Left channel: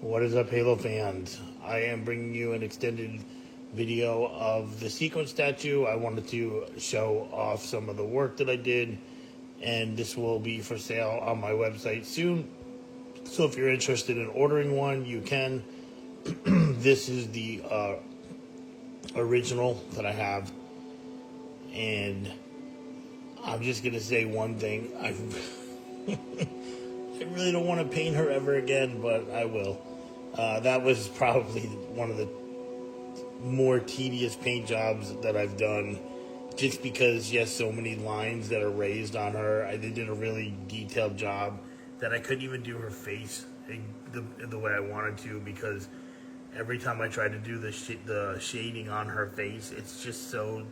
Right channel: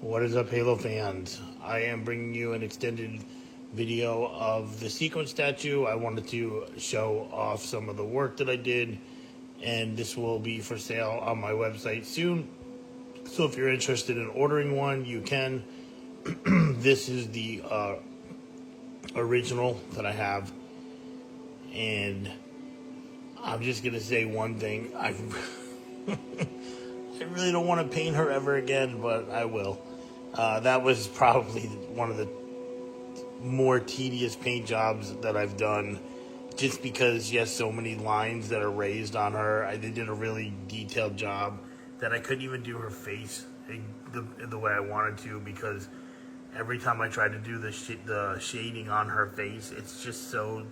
What is up, Halo fans? I am bringing you an extended video of the sequence statue. I wanted to show off some of the work that I did, and this will be for sale on my website soon. So if you're interested in ordering one, you can. This is the original that I have, and I'm just gonna say one thing. I really don't want to paint her ever again, but I will. That was probably one of the more tedious paint jobs that I've done, just because she has so many lines that are raised on her. I did a really detailed job that I couldn't even do her face the way I wanted to, because every time I tried to do the shading on her face, it's just so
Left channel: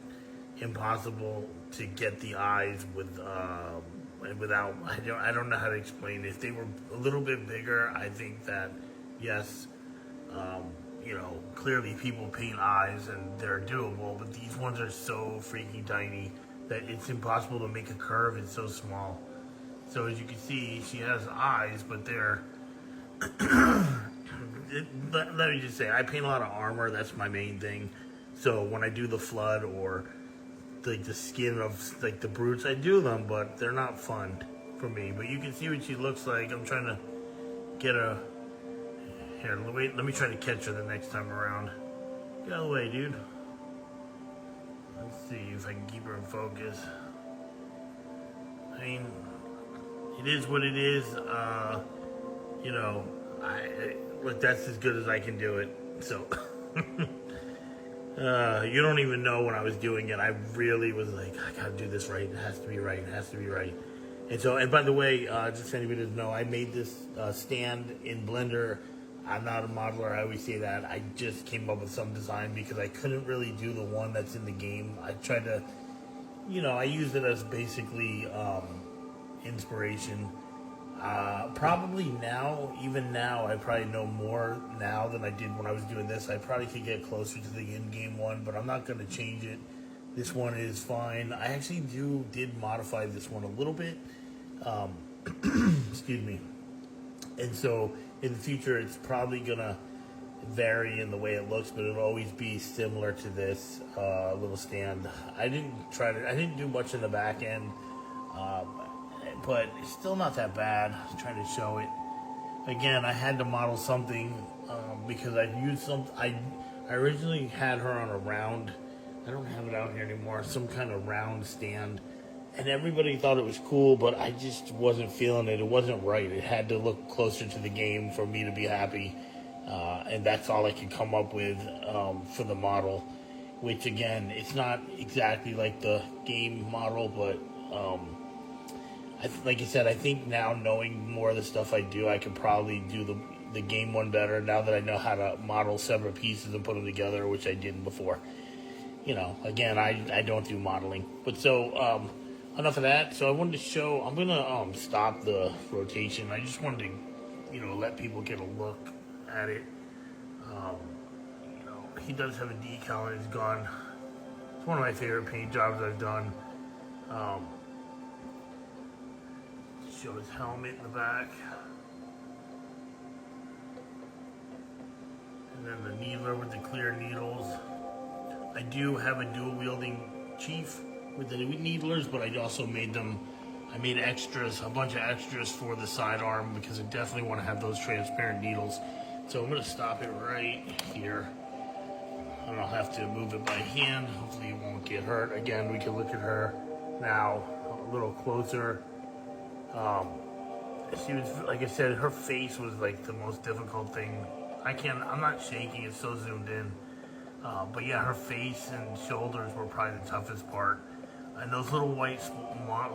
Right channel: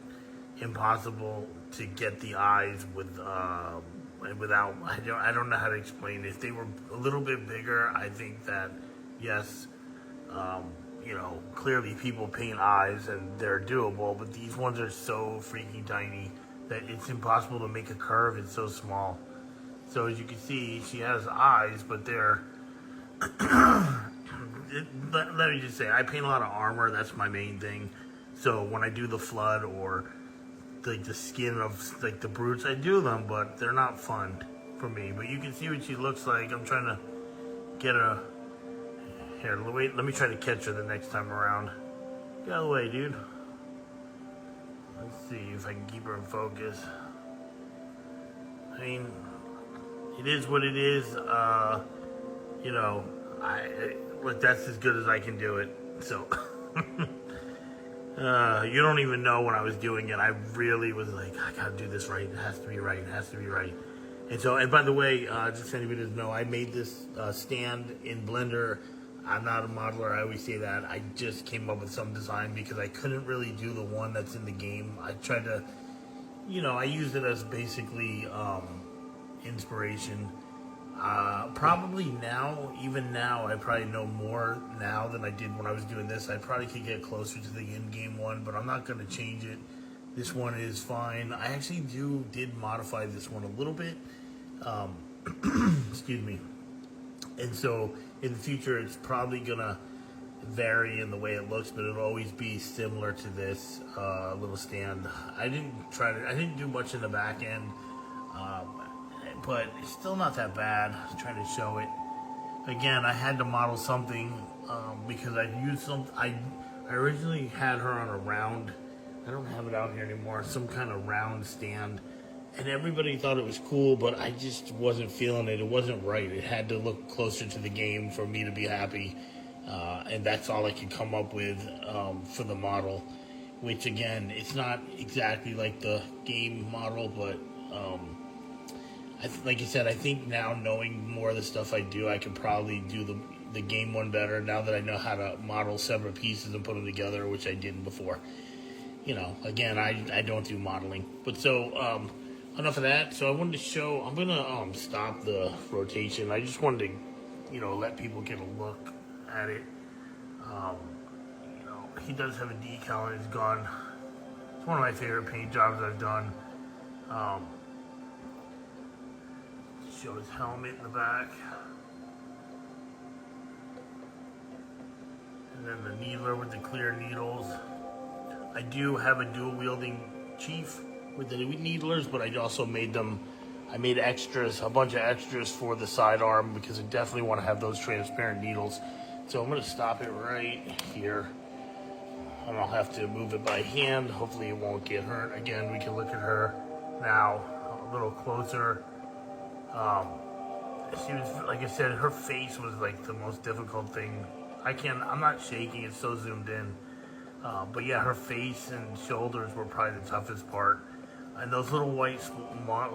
impossible to get the eyes without. I don't know how to explain it. If they were a little bit bigger, I think that yes, clearly people paint eyes and they're doable, but these ones are so freaking tiny that it's impossible to make a curve. It's so small. So as you can see, she has eyes, but they're let me just say, I paint a lot of armor. That's my main thing. So when I do the flood or like the skin of like the brutes, I do them, but they're not fun for me. But you can see what she looks like. I'm trying to get a here. Wait, let me try to catch her the next time around. Get out of the way, dude. Let's see if I can keep her in focus. I mean, it is what it is. Look, that's as good as I can do it. So, you don't even know when I was doing it. I really was like, I gotta do this right. It has to be right. It has to be right. And by the way, just so anybody doesn't know, I made this stand in Blender. I'm not a modeler. I always say that. I just came up with some design because I couldn't really do the one that's in the game. I tried to, I used it as basically inspiration. Probably now, even now, I probably know more now than I did when I was doing this. I probably could get closer to the in-game one, but I'm not going to change it. This one is fine. I actually did modify this one a little bit. Excuse me. And so in the future, it's probably going to vary in the way it looks, but it'll always be similar to this little stand. I didn't do much in the back end. But it's still not that bad. I was trying to show it. Again, I had to model something because I used I originally had her on a round. I don't have it out here anymore. Some kind of round stand, and everybody thought it was cool, but I just wasn't feeling it. It wasn't right. It had to look closer to the game for me to be happy, and that's all I could come up with for the model. Which again, it's not exactly like the game model, but. Like I said, I think now knowing more of the stuff I do, I could probably do the game one better now that I know how to model separate pieces and put them together, which I didn't before. Again, I don't do modeling. But so, enough of that. So I wanted to show, I'm going to stop the rotation. I just wanted to, let people get a look at it. He does have a decal on his gun. It's one of my favorite paint jobs I've done. Show his helmet in the back. And then the needler with the clear needles. I do have a dual wielding chief with the needlers, but I also made I made extras, a bunch of extras for the sidearm because I definitely want to have those transparent needles. So I'm going to stop it right here. And I'll have to move it by hand. Hopefully it won't get hurt. Again, we can look at her now a little closer. She was, like I said, her face was like the most difficult thing. I'm not shaking, it's so zoomed in. But yeah, her face and shoulders were probably the toughest part. And those little white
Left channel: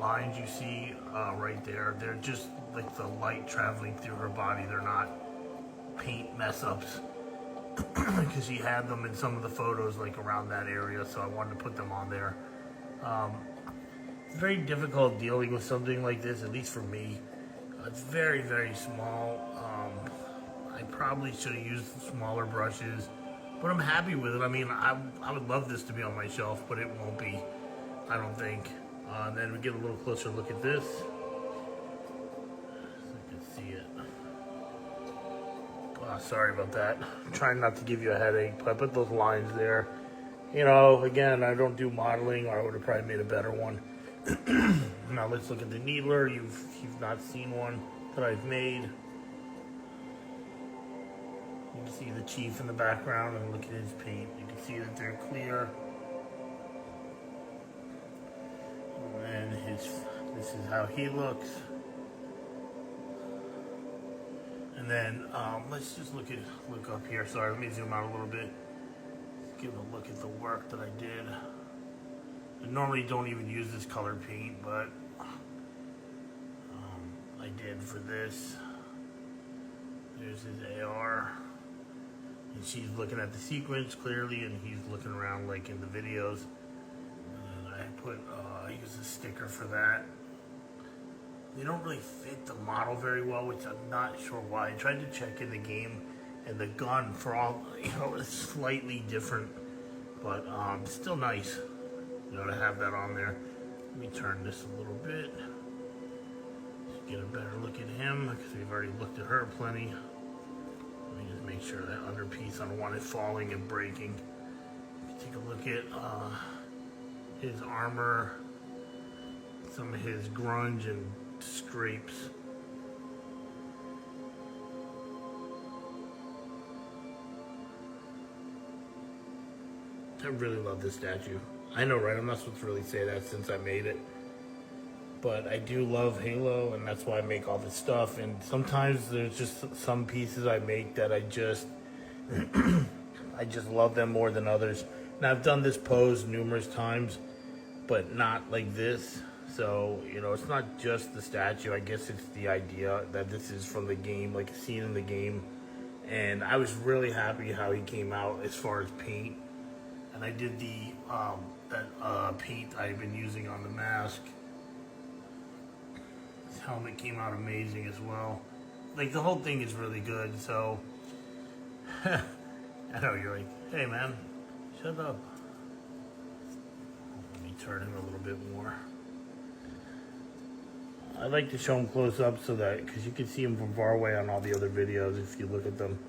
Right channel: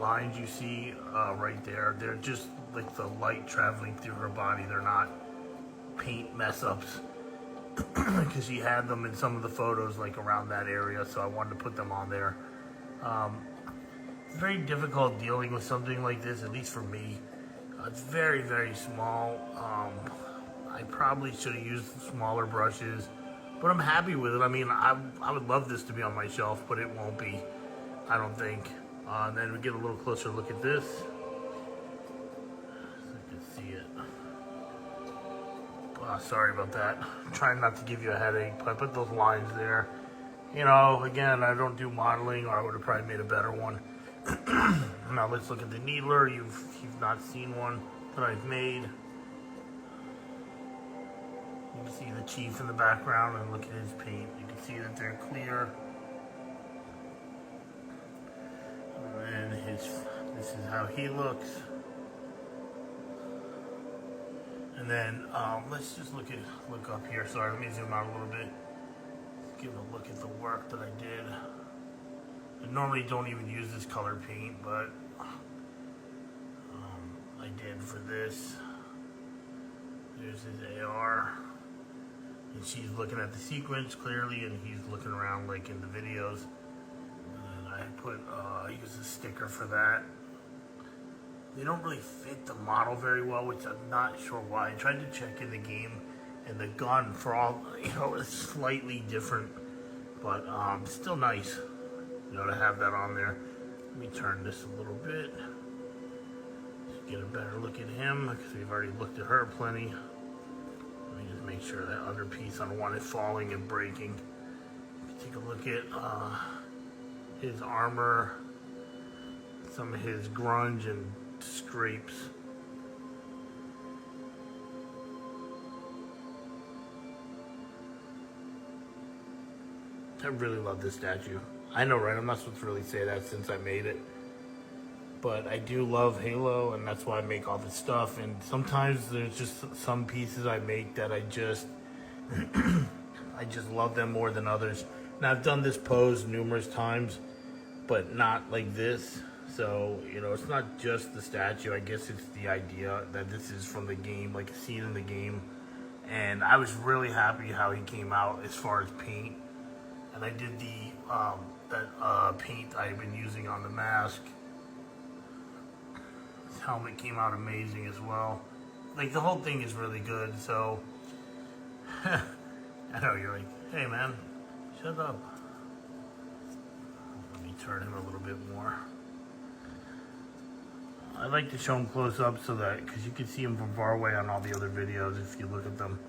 lines you see right there, they're just like the light traveling through her body. They're not paint mess ups. Because she had them in some of the photos like around that area, so I wanted to put them on there. It's very difficult dealing with something like this, at least for me. It's very, very small. I probably should have used smaller brushes, but I'm happy with it. I mean, I would love this to be on my shelf, but it won't be, I don't think. And then we get a little closer look at this. So you can see it. Sorry about that. I'm trying not to give you a headache, but I put those lines there. You know, again, I don't do modeling, or I would have probably made a better one. Now let's look at the needler. You've not seen one that I've made. You can see the Chief in the background, and look at his paint. You can see that they're clear. And this is how he looks. And then let's just look up here. Sorry, let me zoom out a little bit. Give a look at the work that I did. I normally don't even use this color paint, but I did for this. There's his AR. And she's looking at the sequence clearly, and he's looking around like in the videos. And I use a sticker for that. They don't really fit the model very well, which I'm not sure why. I tried to check in the game, and the gun, for all, is slightly different, but still nice, to have that on there. Let me turn this a little bit, get a better look at him, because we've already looked at her plenty. Let me just make sure that under piece on one is falling and breaking. Take a look at his armor, some of his grunge and scrapes. I really love this statue. I know, right? I'm not supposed to really say that since I made it. But I do love Halo, and that's why I make all this stuff. And sometimes there's just some pieces I make that I just I just love them more than others. And I've done this pose numerous times, but not like this. So, it's not just the statue. I guess it's the idea that this is from the game, like a scene in the game. And I was really happy how he came out as far as paint. And I did the paint I've been using on the mask. His helmet came out amazing as well. Like, the whole thing is really good, so I know you're like, hey man, shut up. Let me turn him a little bit more. I like to show him close up so that, because you can see him from far away on all the other videos. If you look at them,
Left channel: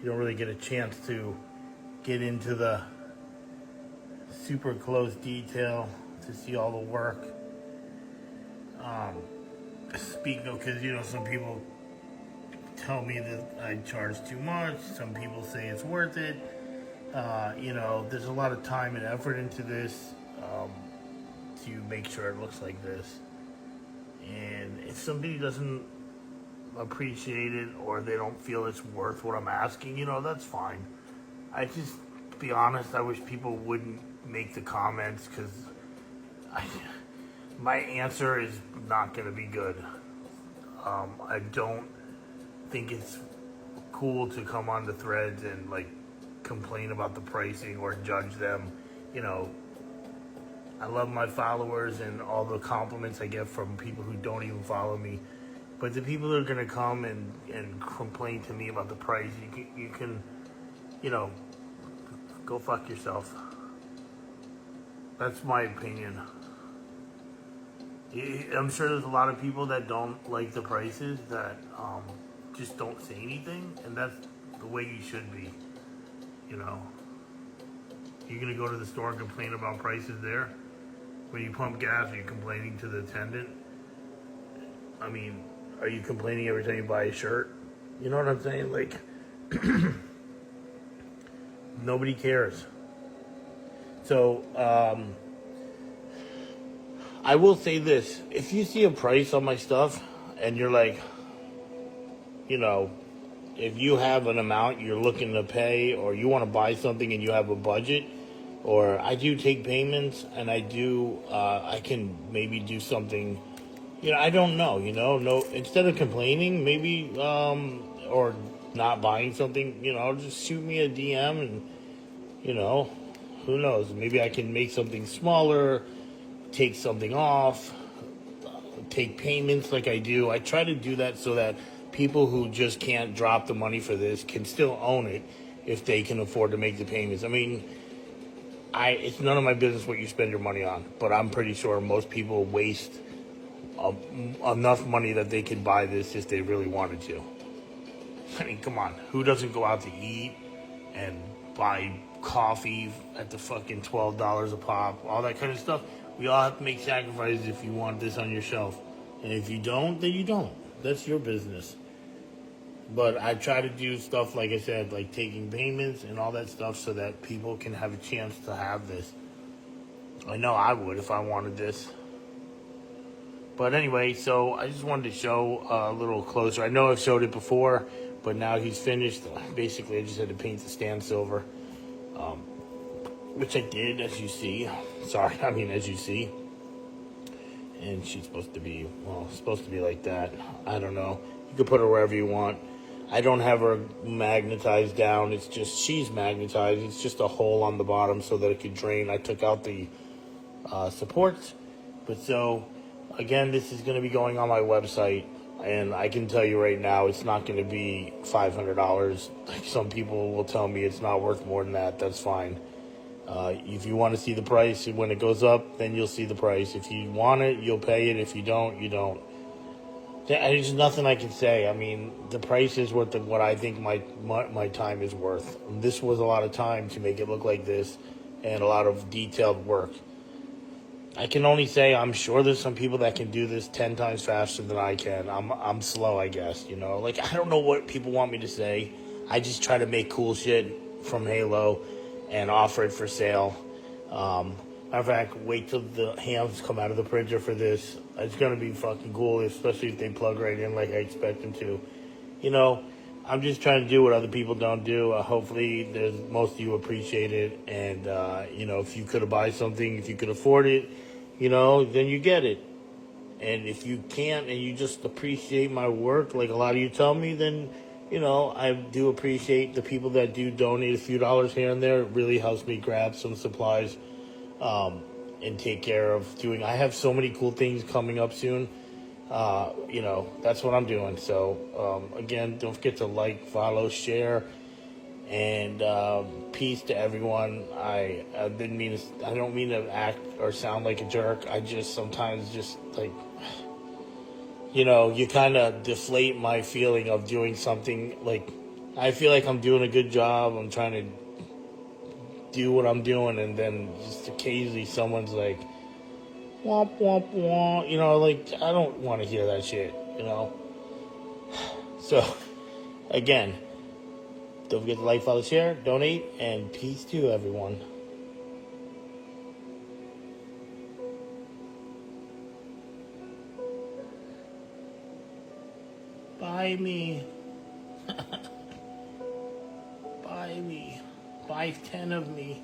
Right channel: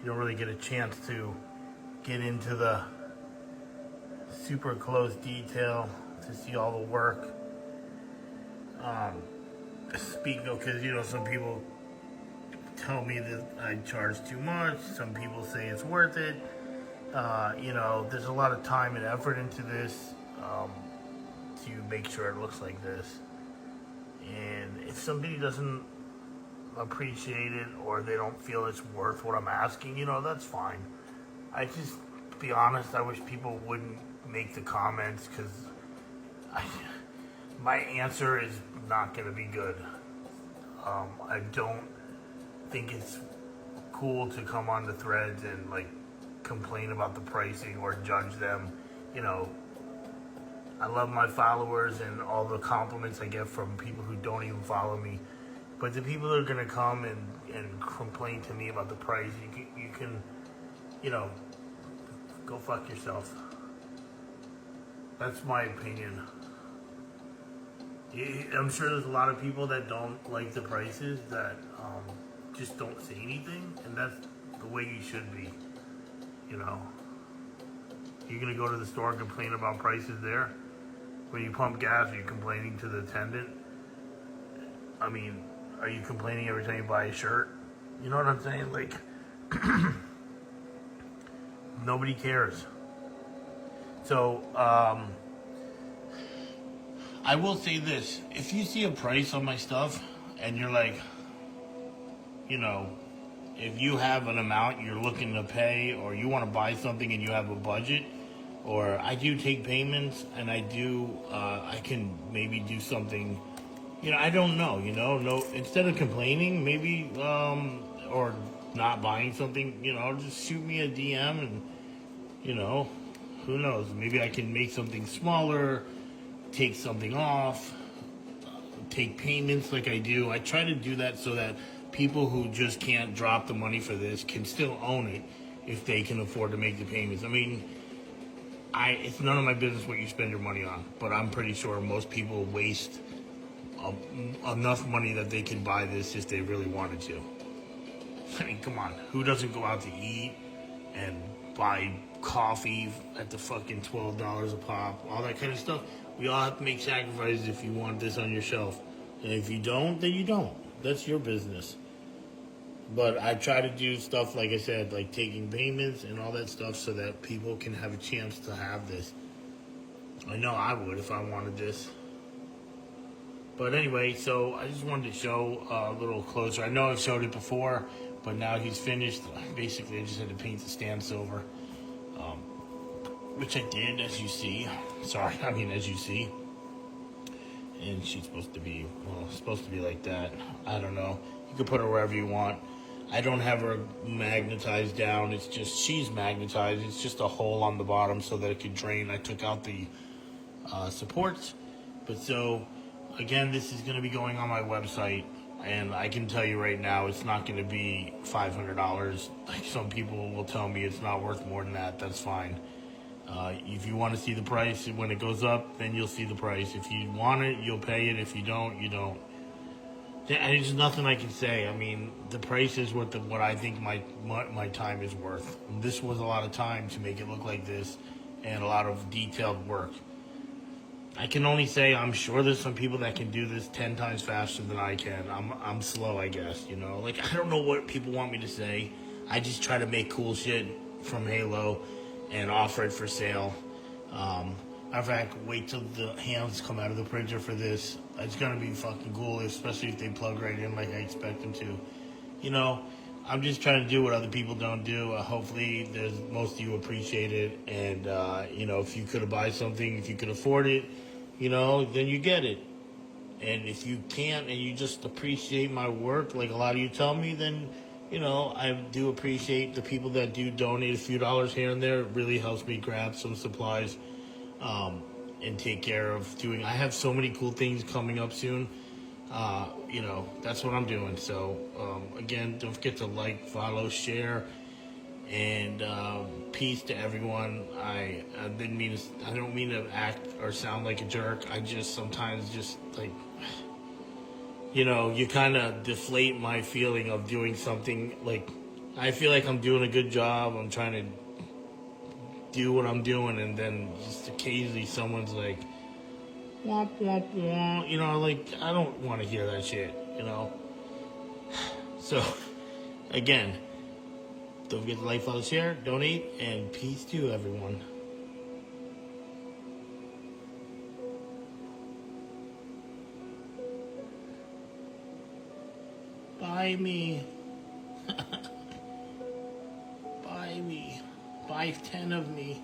you don't really get a chance to get into the super close detail to see all the work. Speaking of, because some people tell me that I charge too much. Some people say it's worth it. There's a lot of time and effort into this to make sure it looks like this. And if somebody doesn't appreciate it, or they don't feel it's worth what I'm asking, that's fine. I just, to be honest, I wish people wouldn't make the comments, because my answer is not going to be good. I don't think it's cool to come on the threads and complain about the pricing or judge them. I love my followers and all the compliments I get from people who don't even follow me. But the people that are going to come and complain to me about the price, you can go fuck yourself. That's my opinion. I'm sure there's a lot of people that don't like the prices that just don't say anything, and that's the way you should be. You're going to go to the store and complain about prices there? When you pump gas, are you complaining to the attendant? I mean, are you complaining every time you buy a shirt? You know what I'm saying? Nobody cares. So, I will say this. If you see a price on my stuff and you're like, if you have an amount you're looking to pay, or you want to buy something and you have a budget, or I do take payments, and I can maybe do something, I don't know, no, instead of complaining, maybe, or not buying something, just shoot me a DM, and, who knows, maybe I can make something smaller, take something off, take payments like I do. I try to do that so that people who just can't drop the money for this can still own it if they can afford to make the payments. I mean, it's none of my business what you spend your money on, but I'm pretty sure most people waste enough money that they can buy this if they really wanted to. I mean, come on. Who doesn't go out to eat and buy coffee at the fucking $12 a pop? All that kind of stuff. We all have to make sacrifices if you want this on your shelf. And if you don't, then you don't. That's your business. But I try to do stuff, like I said, like taking payments and all that stuff so that people can have a chance to have this. I know I would if I wanted this. But anyway, so I just wanted to show a little closer. I know I've showed it before, but now he's finished. Basically, I just had to paint the stand silver, which I did, as you see. As you see. And she's supposed to be, like that. I don't know. You can put her wherever you want. I don't have her magnetized down. It's just, she's magnetized. It's just a hole on the bottom so that it could drain. I took out the supports. But so, again, this is going to be going on my website. And I can tell you right now, it's not going to be $500. Like some people will tell me it's not worth more than that. That's fine. If you want to see the price, when it goes up, then you'll see the price. If you want it, you'll pay it. If you don't, you don't. There's nothing I can say. I mean, the price is what I think my time is worth. This was a lot of time to make it look like this, and a lot of detailed work. I can only say I'm sure there's some people that can do this 10 times faster than I can. I'm slow, I guess. You know, like I don't know what people want me to say. I just try to make cool shit from Halo and offer it for sale. Matter of fact, wait till the hands come out of the printer for this. It's gonna be fucking cool, especially if they plug right in like I expect them to. You know, I'm just trying to do what other people don't do. Hopefully, most of you appreciate it. And, you know, if you could buy something, if you could afford it, you know, then you get it. And if you can't and you just appreciate my work, like a lot of you tell me, then, you know, I do appreciate the people that do donate a few dollars here and there. It really helps me grab some supplies and take care of doing. I have so many cool things coming up soon. You know, that's what I'm doing. So, again, don't forget to like, follow, share, and peace to everyone. I don't mean to act or sound like a jerk. I just sometimes just like, you know, you kind of deflate my feeling of doing something. Like, I feel like I'm doing a good job. I'm trying to do what I'm doing, and then just occasionally someone's like, womp, womp, womp. You know, like, I don't want to hear that shit, you know? So, again, don't forget to like, follow, share, donate, and peace to you, everyone. Buy me. Buy me. Buy 10 of me.